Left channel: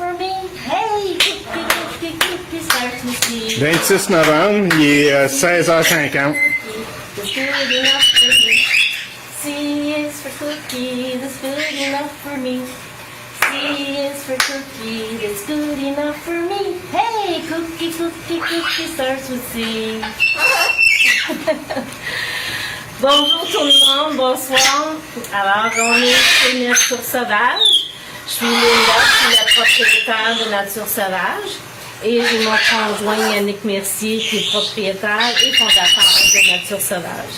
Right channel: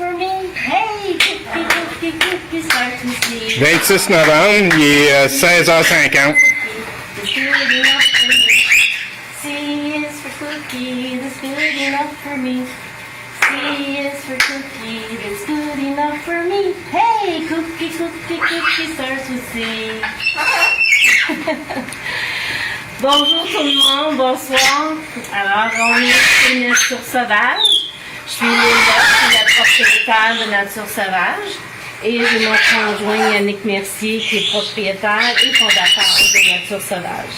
for me. Hey, cookie, cookie, start to see. 26 novembre, il est 16h50. That's good enough for me. C is for cookie, that's good enough for me. C is for cookie, that's good enough for me. Hey, cookie, cookie, cookie starts with C. Bonjour tout le monde, bonsoir. Alors, on est chez Nature Sauvage. Je suis Linda, je suis la propriétaire de Nature Sauvage. Et j'ai mon conjoint Yannick Mercier qui est propriétaire et fondateur de Nature Sauvage.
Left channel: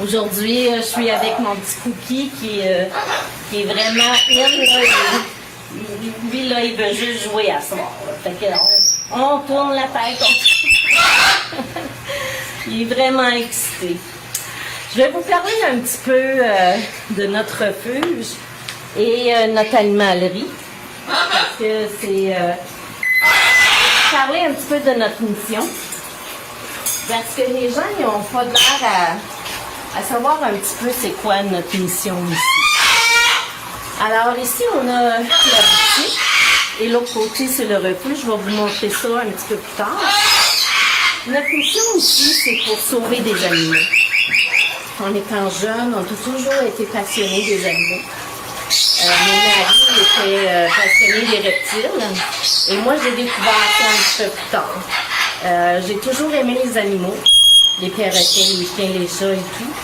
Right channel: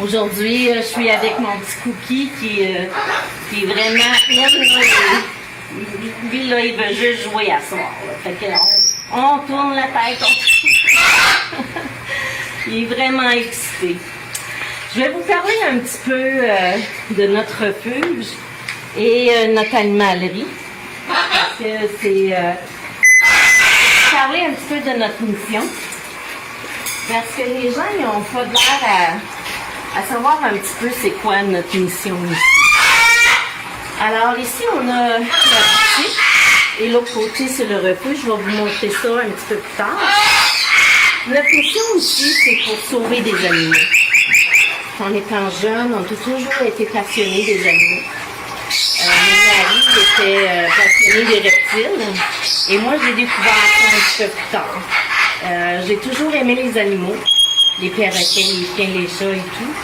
Aujourd'hui, je suis avec mon petit Cookie qui est vraiment... Lui, là, il veut juste jouer à ce soir. Fait que on tourne la tête. Il est vraiment excité. Je vais vous parler un petit peu de notre refuge et notre animalerie. Parce que c'est... parler un petit peu de notre mission. Parce que les gens, ils n'ont pas l'air à savoir un petit peu c'est quoi notre mission ici. Alors ici, on a la boutique et l'autre côté, c'est le refuge. Je vais vous montrer ça un petit peu plus tard. Notre mission ici, c'est pour sauver des animaux. En étant jeune, on a toujours été passionnés des animaux. Mon mari était passionné des reptiles et moi, j'ai découvert ça un petit peu plus tard. J'ai toujours aimé les animaux, les perroquets, les chiens, les chats et tout.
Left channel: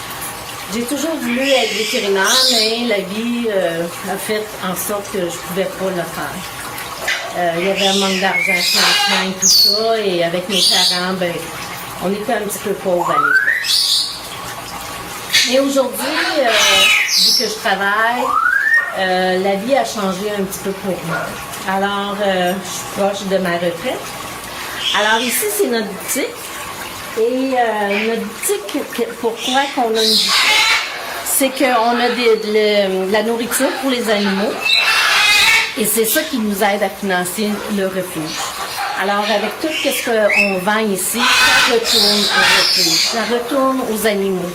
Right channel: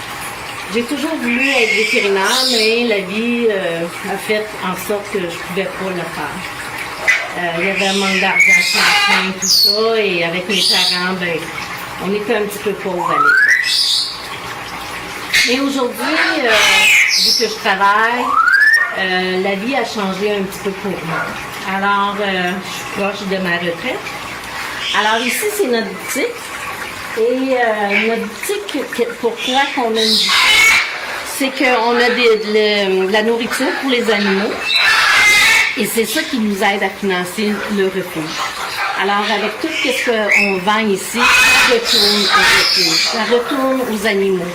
J'ai toujours voulu être vétérinaire, mais la vie a fait en sorte que je ne pouvais pas le faire. Il y avait un manque d'argent financier et tout ça, et avec mes parents, ben, on était un petit peu pauvres à l'époque. Mais aujourd'hui, vu que je travaille, la vie a changé un petit peu pour moi. Alors, je suis proche de ma retraite. Alors ici, c'est notre boutique. Et notre boutique, pourquoi qu'on a une boutique? C'est qu'on a de la nourriture pour les animaux. Et c'est ça qui nous aide à financer le refuge. Alors, avec tout ce qu'on vend ici, ça retourne au refuge. Ça retourne aux animaux.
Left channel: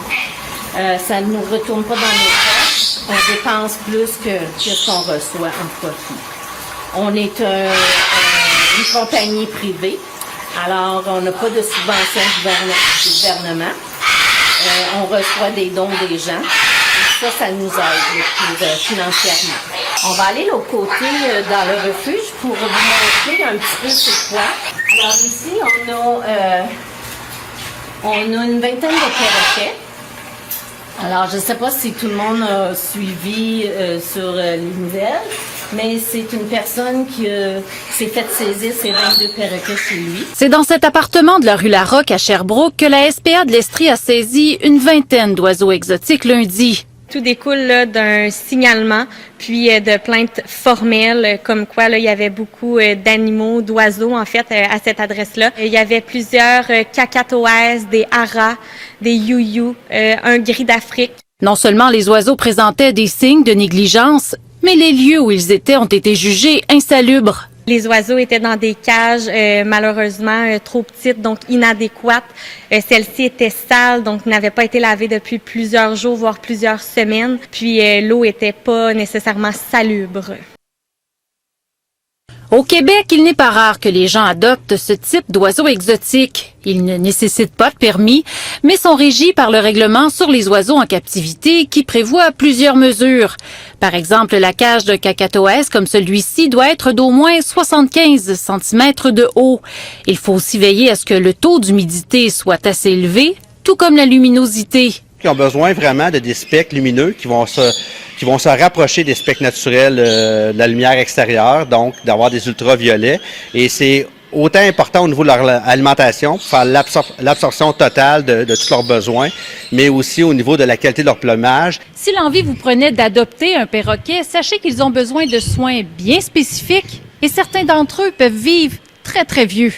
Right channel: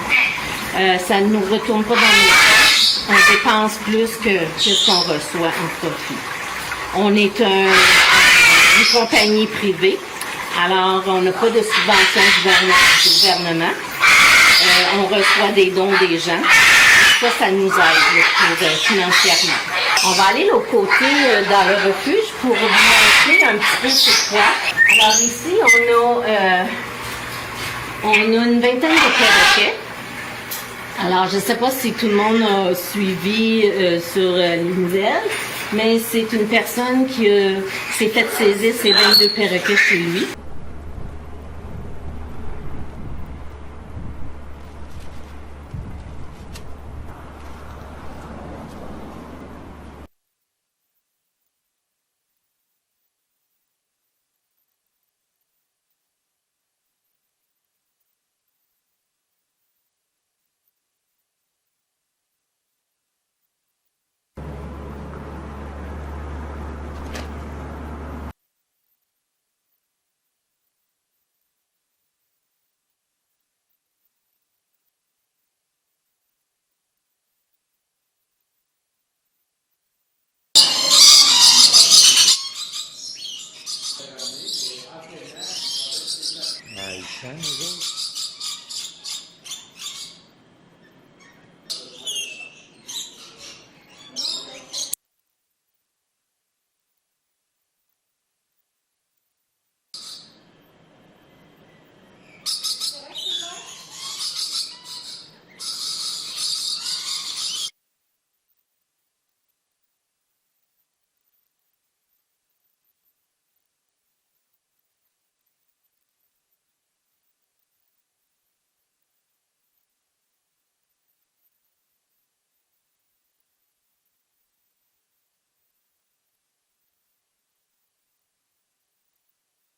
Ça ne nous retourne pas dans nos poches. On dépense plus que ce qu'on reçoit en profit. On est une compagnie privée. Alors, on n'a pas de subvention du gouvernement. On reçoit des dons des gens. Ça nous aide financièrement. On va aller de l'autre côté dans le refuge pour vous montrer un petit peu c'est quoi. Alors ici, on a une vingtaine de perroquets. Alors, je ne sais pas si tout le monde a suivi sur les nouvelles, mais c'est une personne qui s'est fait saisir ses 22 perroquets chez lui. C'est dans cet appartement de la rue Larocque à Sherbrooke que la SPA de l'Estrie a saisi une vingtaine d'oiseaux exotiques lundi. Tout découle d'un signalement, puis de plaintes formelles, comme quoi là, il y avait beaucoup d'animaux, d'oiseaux en fait à cette adresse-là. Il y avait plusieurs cacatoès, des haras, des youyous, un gris d'Afrique. Non seulement les oiseaux présentaient des signes de négligence, mais les lieux où ils étaient ont été jugés insalubres. Les oiseaux étaient dans des cages, malheureusement, trop petites, donc inadéquates. Celles-ci étaient sales, donc n'avaient pas été lavées depuis plusieurs jours, voire plusieurs semaines. Puis l'eau était pas nécessairement salubre. Au Québec, il n'est pas rare que les gens adoptent ce type d'oiseaux exotiques. Ils ne nécessitent pas de permis, mais sont régis par le règlement sur les oiseaux en captivité qui prévoit plusieurs mesures. Par exemple, la cage d'un cacatoès comme celui-ci doit être d'au moins 75 cm de haut. Il faut aussi veiller à ce que le taux d'humidité soit assez élevé, tout comme la luminosité. Ils ont besoin vraiment de des spectres lumineux qui vont se rapprocher des spectres naturels de la lumière extérieure, donc d'avoir des ultraviolets. Et c'est autant important au niveau de leur alimentation, pour faire l'absorption totale de tous leurs besoins, mais aussi au niveau de la qualité de leur plumage. Si l'envie vous prenait d'adopter un perroquet, sachez qu'ils ont besoin de soins bien spécifiques et certains d'entre eux peuvent vivre très, très vieux.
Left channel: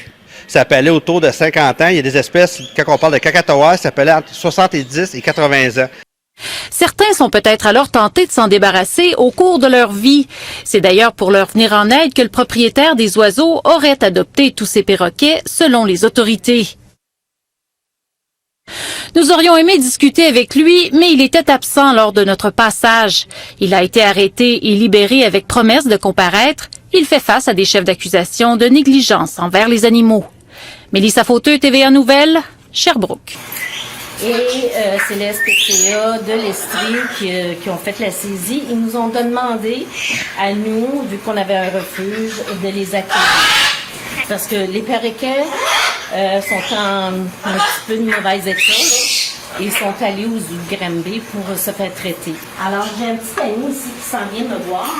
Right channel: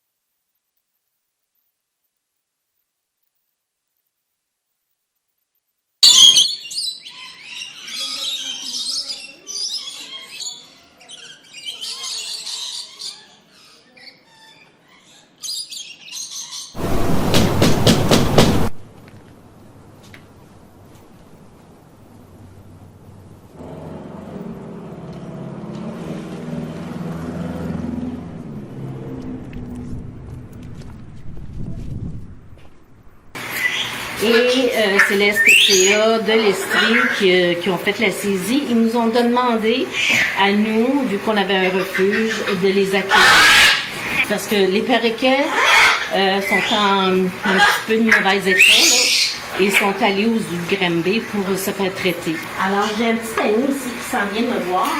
Ça peut aller autour de 50 ans. Il y a des espèces, quand on parle de cacatoès, ça peut aller entre 70 et 80 ans. Certains sont peut-être alors tentés de s'en débarrasser au cours de leur vie. C'est d'ailleurs pour leur venir en aide que le propriétaire des oiseaux aurait adopté tous ces perroquets, selon les autorités. Nous aurions aimé discuter avec lui, mais il était absent lors de notre passage. Il a été arrêté et libéré avec promesse de comparaître. il fait face à des chefs d'accusation de négligence envers les animaux. Mélissa Fauteux, TVA Nouvelles, Sherbrooke. Et c'est la SPCA de l'Estrie qui ont fait la saisie. Ils nous ont demandé à nous, vu qu'on avait un refuge, de les accueillir. Parce que les perroquets sont en un petit peu de mauvais état, là. Ils sont allés aux zoo de Granby pour se faire traiter. Alors, j'ai un petit ami ici qui s'en vient me voir.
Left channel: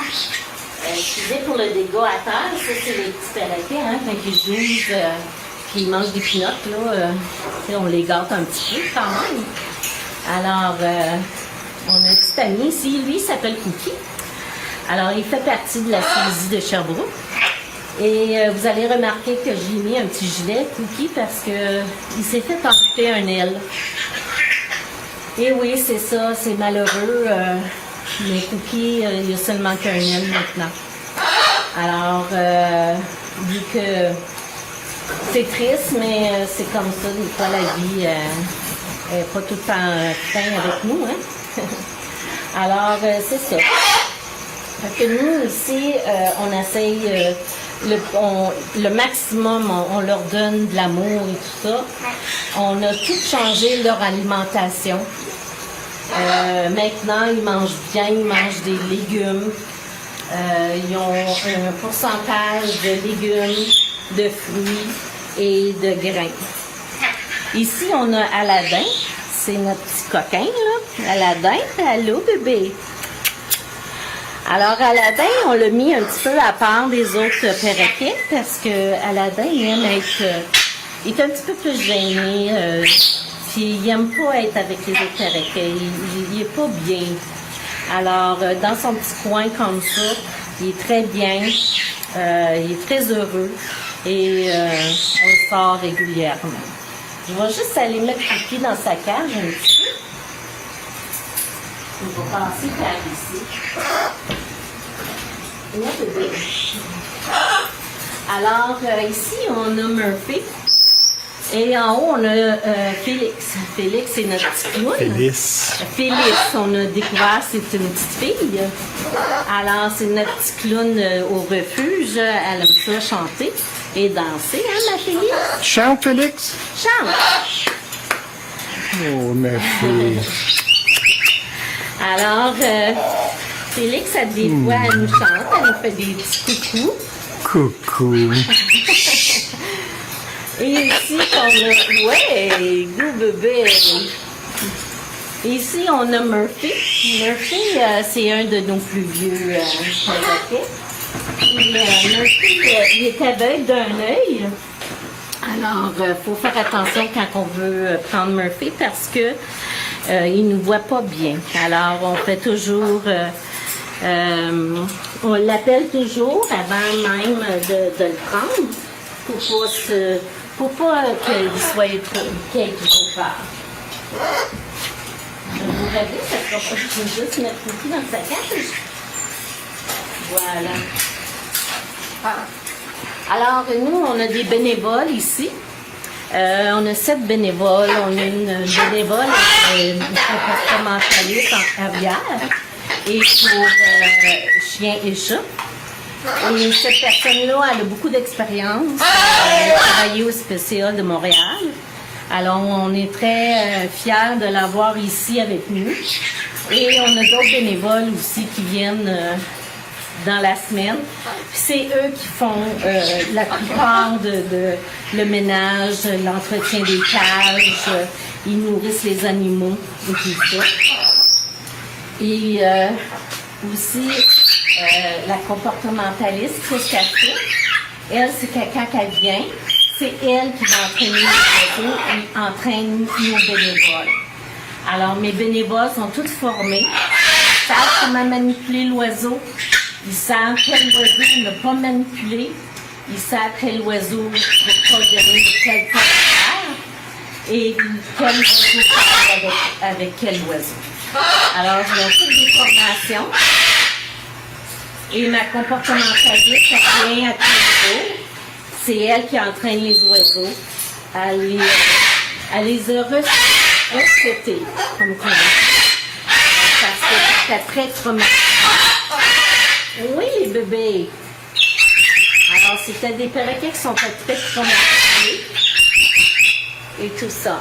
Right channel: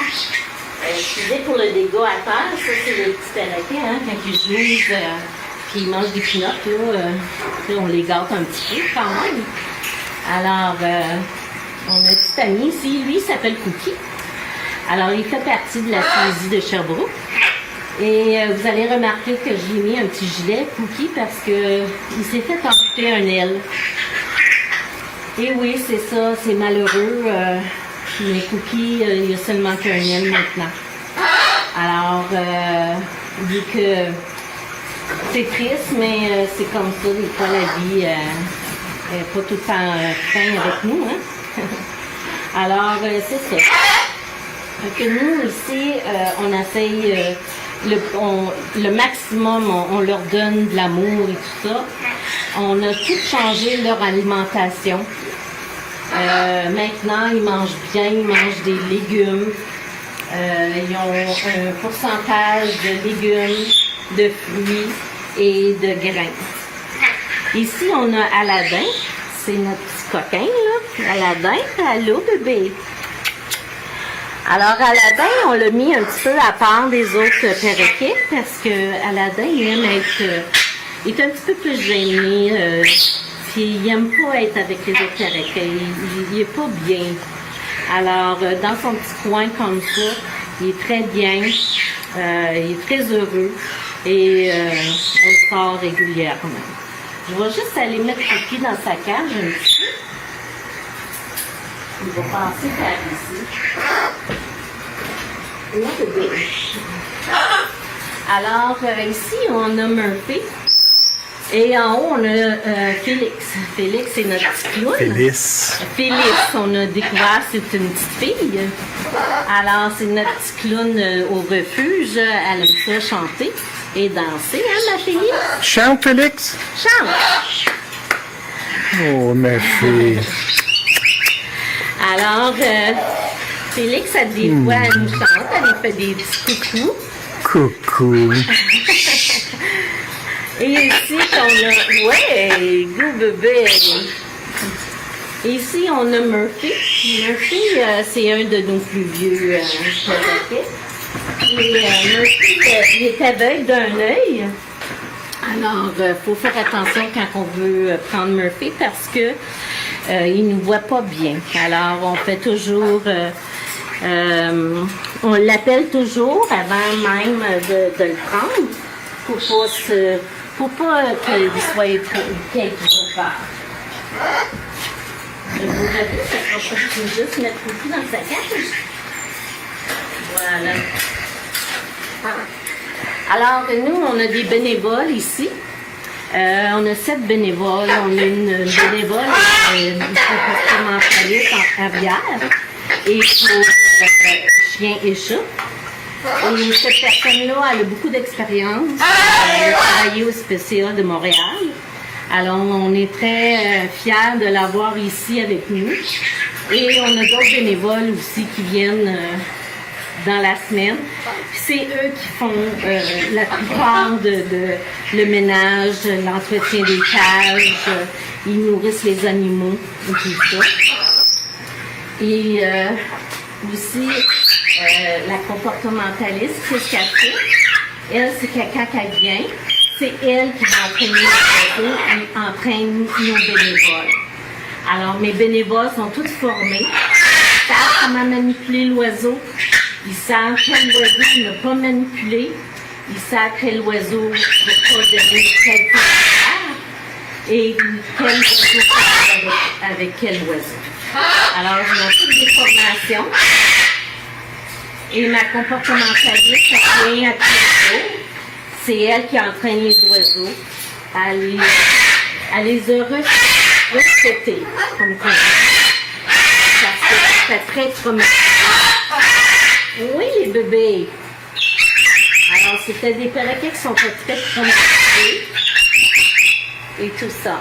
Excusez pour le dégât à terre. Ça, c'est les petits perroquets, hein, quand ils jouent, qu'ils mangent des pinottes, là. On les gâte un petit peu, quand même. Alors, on a un petit ami ici. Lui, il s'appelle Cookie. Alors, il fait partie de la saisie de Sherbrooke. Et vous allez remarquer que j'ai mis un petit gilet, Cookie, parce que il s'est fait amputer un aile. Et oui, c'est ça, c'est malheureux. Mais Cookie, il a seulement qu'un aile maintenant. Alors, vu que c'est triste, mais c'est comme ça, des fois la vie n'est pas tout le temps fin avec nous. Hein? Alors, c'est ça. Fait que nous, ici, on essaye le maximum, on leur donne de l'amour et tout ça. On a tout changé leur alimentation. Maintenant, ils mangent bien, ils mangent des légumes. Ils ont un pourcentage de légumes, de fruits et de grains. Ici, on a Aladdin. C'est notre petit coquin, là. Aladdin, allô, bébé. Alors, Aladdin, on l'a mis un petit peu à part des autres perroquets parce que Aladdin, il aime être... il est un petit peu plus gêné. Puis, il n'aime pas être avec les autres perroquets. Il n'est pas bien. Alors, dans son petit coin comme ça, il est très bien. Il est très heureux. Et on sort régulièrement. Je vais juste aller mettre Cookie dans sa cage un petit peu. Il va passer par ici. Là, bébé. Alors, ici, on a Murphy. Et en haut, on a Félix. Félix, c'est notre petit clown. Félix, on a découvert, c'est une petite fille. Alors, c'est notre petit clown au refuge. Elle aime ça chanter et danser, hein, ma fille? Chante, Félix? Chante! Oh, ma fille. Alors, Félix, des fois, elle nous chante, elle nous fait des petits coucous. Coucou. Et ici, on a... Ouais, go bébé! Et ici, on a Murphy. Murphy, c'est un de nos plus vieux perroquets. Et Murphy, il est aveugle d'un œil. Alors, faut faire attention quand on veut prendre Murphy parce que il nous voit pas bien. Alors, on fait toujours... on l'appelle toujours avant même de le prendre pour pas qu'il soit trop peur. Vous avez, ça sera pas juste mettre Cookie dans sa cage. Voilà. Alors, nous, on a des bénévoles ici. On a 7 bénévoles. On a une bénévole, une comportementaliste en arrière et pour chiens et chats. Et cette personne-là, elle a beaucoup d'expérience. Elle a travaillé au SPCA de Montréal. Alors, on est très fiers de l'avoir ici avec nous. Et on a d'autres bénévoles aussi qui viennent dans la semaine. Puis c'est eux qui font la plupart de le ménage, l'entretien des cages. Ils nourrissent les animaux et tout ça. Et aussi, la comportementaliste, qu'est-ce qu'elle fait? Elle, c'est que quand elle vient, c'est elle qui va entraîner les oiseaux et entraîne nos bénévoles. Alors, mes bénévoles sont tous formés. Ils savent comment manipuler l'oiseau. Ils savent quel oiseau ne pas manipuler. Ils savent quel oiseau ne pas donner quelqu'un à faire. Et quel oiseau faire avec quel oiseau. Alors, ils ont toutes des formations. Et ma comportementaliste, elle vient à tous les jours. C'est elle qui entraîne les oiseaux à les respecter, comme on dit. Parce que c'est très traumatisant. Oui, les bébés. Alors, c'était des perroquets qui sont pas très traumatisés. Et tout ça.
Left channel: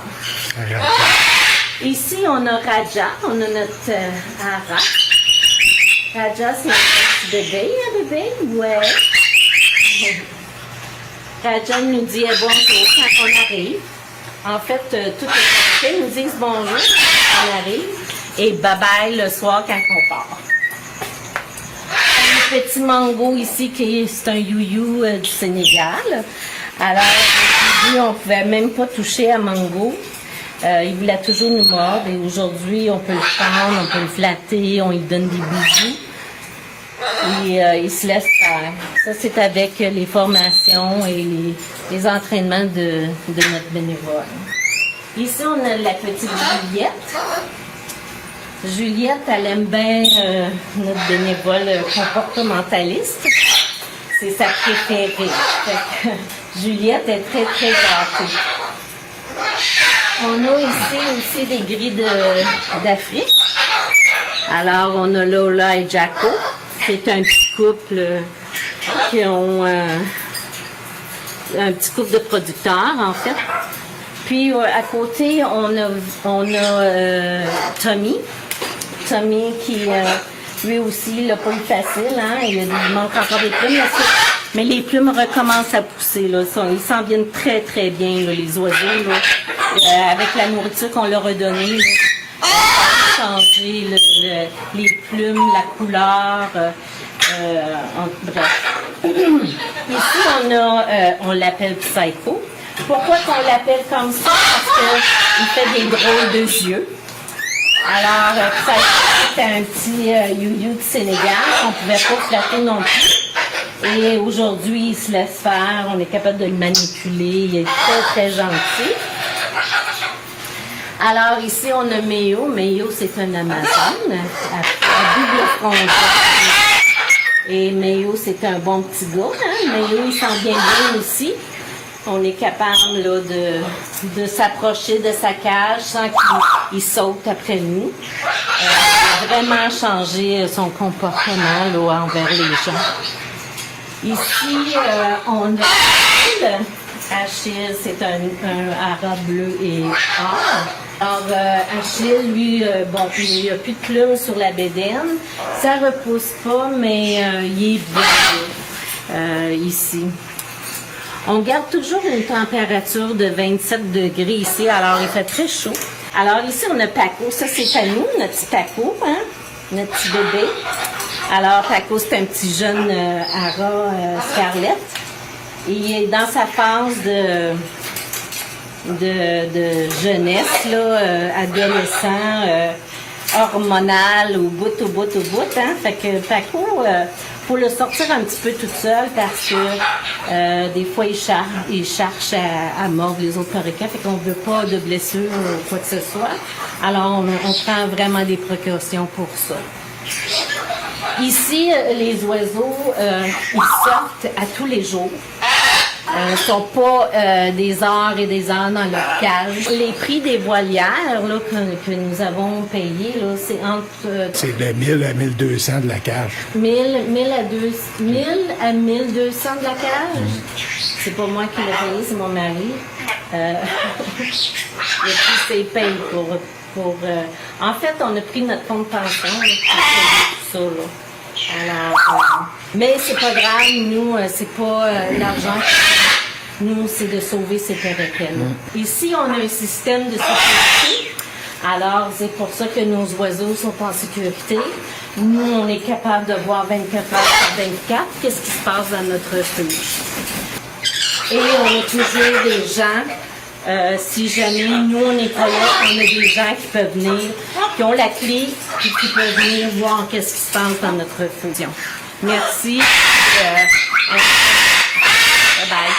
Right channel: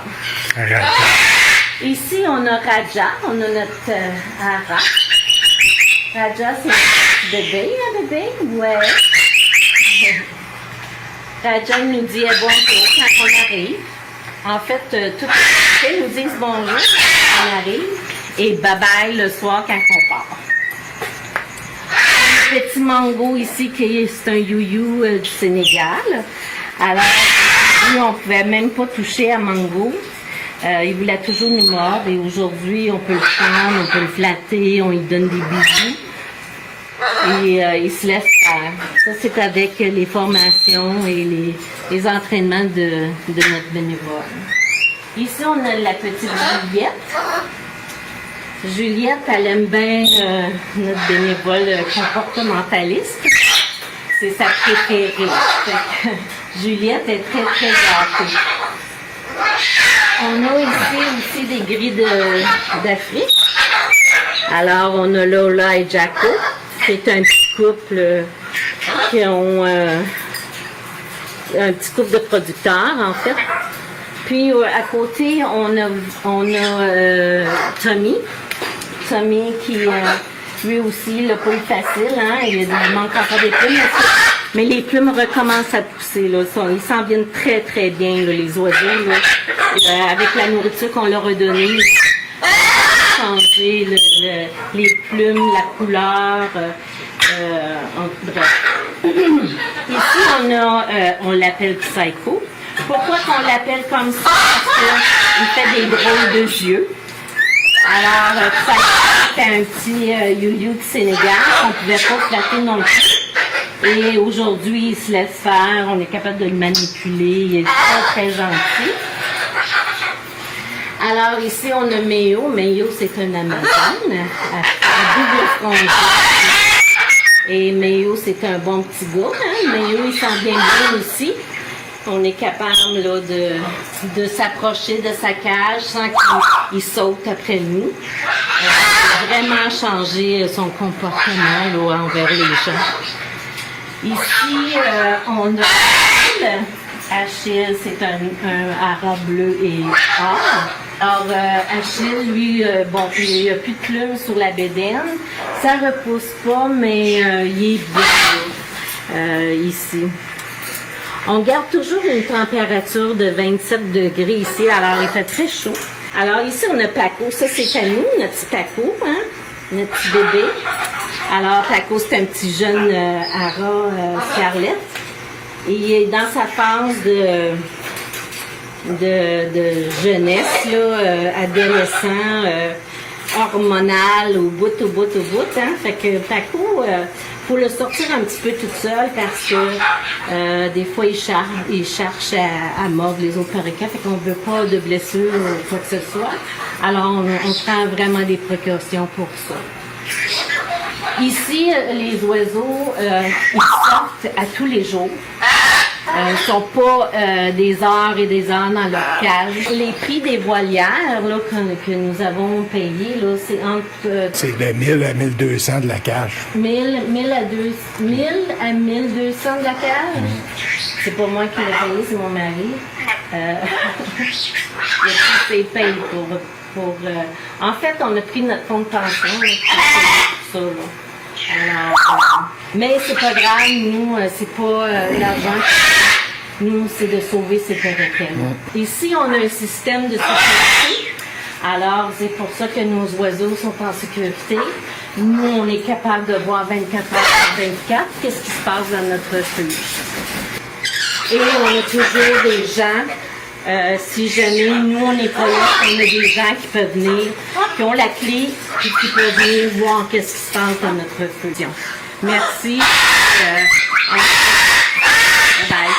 Ici, on a Raja. On a notre Ara. Raja, c'est un bébé, Ouais. Raja nous dit bonjour quand on arrive. En fait, tout les perroquets nous disent bonjour quand on arrive. Et bye-bye le soir quand on part. Un petit mango ici, c'est un you-you du Sénégal. Alors, aujourd'hui, on ne pouvait même pas toucher à mango. Il voulait toujours nous mordre. Et aujourd'hui, on peut le prendre, on peut le flatter, on lui donne des bisous. Et il se laisse faire. Ça, c'est avec les formations et les entraînements de notre bénévole. Ici, on a la petite Juliette. Juliette, elle aime bien notre bénévole comportementaliste. C'est sa préférée. Juliette est très, très gâtée. On a ici aussi des grilles d'Afrique. Alors, on a Lola et Jaco. C'est un petit couple qui ont un petit couple de producteurs, en fait. Puis, à côté, on a Tommy. Tommy qui, lui aussi, il n'a pas eu facile, hein. Il manque encore des plumes, mais les plumes recommencent à pousser, là. Ils s'en viennent très, très bien, là, les oiseaux, là. Avec la nourriture qu'on leur a donnée, là, changer les plumes, la couleur, bref. Ici, on l'appelle Psycho. Pourquoi qu'on l'appelle comme ça? Parce qu'il fait des drôles de yeux. Alors, Psycho, c'était un petit you-you du Sénégal qu'on ne pouvait pas flatter non plus. Et aujourd'hui, il se laisse faire. On est capable de le manipuler. Il est très, très gentil. Alors, ici, on a Méo. Méo, c'est un Amazon à double frontière. Et Méo, c'est un bon petit gars. Hein? Méo, il sent bien aussi. On est capable là, de s'approcher de sa cage sans qu'il saute après nous. Il a vraiment changé son comportement là, envers les gens. Ici, on a Achille, c'est un ara bleu et or. Alors, Achille, lui, bon, il n'a plus de plumes sur la bédaine. Ça repousse pas, mais il est bien ici. On garde toujours une température de 27 degrés ici, alors il fait très chaud. Alors ici, on a Paco. Ça, c'est à nous, notre petit Paco, hein? Notre petit bébé. Alors, Paco, c'est un petit jeune ara Scarlett. Il est dans sa phase de jeunesse, là, adolescent, hormonal, au bout, hein. Fait que Paco, faut le sortir un petit peu toute seule parce que des fois, il cherche à mordre les autres perroquets. Fait qu'on ne veut pas de blessures ou quoi que ce soit. Alors, on prend vraiment des précautions pour ça. Ici, les oiseaux, ils sortent à tous les jours. Ils ne sont pas des heures et des heures dans leur cage. Les prix des volières là, que nous avons payés, là, c'est entre... c'est de 1000 à 1200 de la cage. 1000 à 1200 de la cage? C'est pas moi qui l'ai payé, c'est mon mari. Il a pris ses payes pour en fait, on a pris notre fonds de pension pour payer tout ça. Là. Alors, mais c'est pas grave, nous, c'est pas l'argent. Nous, c'est de sauver ces perroquets. Ici, on a un système de sécurité. Alors, c'est pour ça que nos oiseaux sont en sécurité. Nous, on est capable de voir 24 heures sur 24 qu'est-ce qui se passe dans notre refuge. Et on a toujours des gens, si jamais nous, on n'est pas là, on a des gens qui peuvent venir, qui ont la clé et qui peuvent venir voir qu'est-ce qui se passe dans notre refuge. Merci. Bye bye.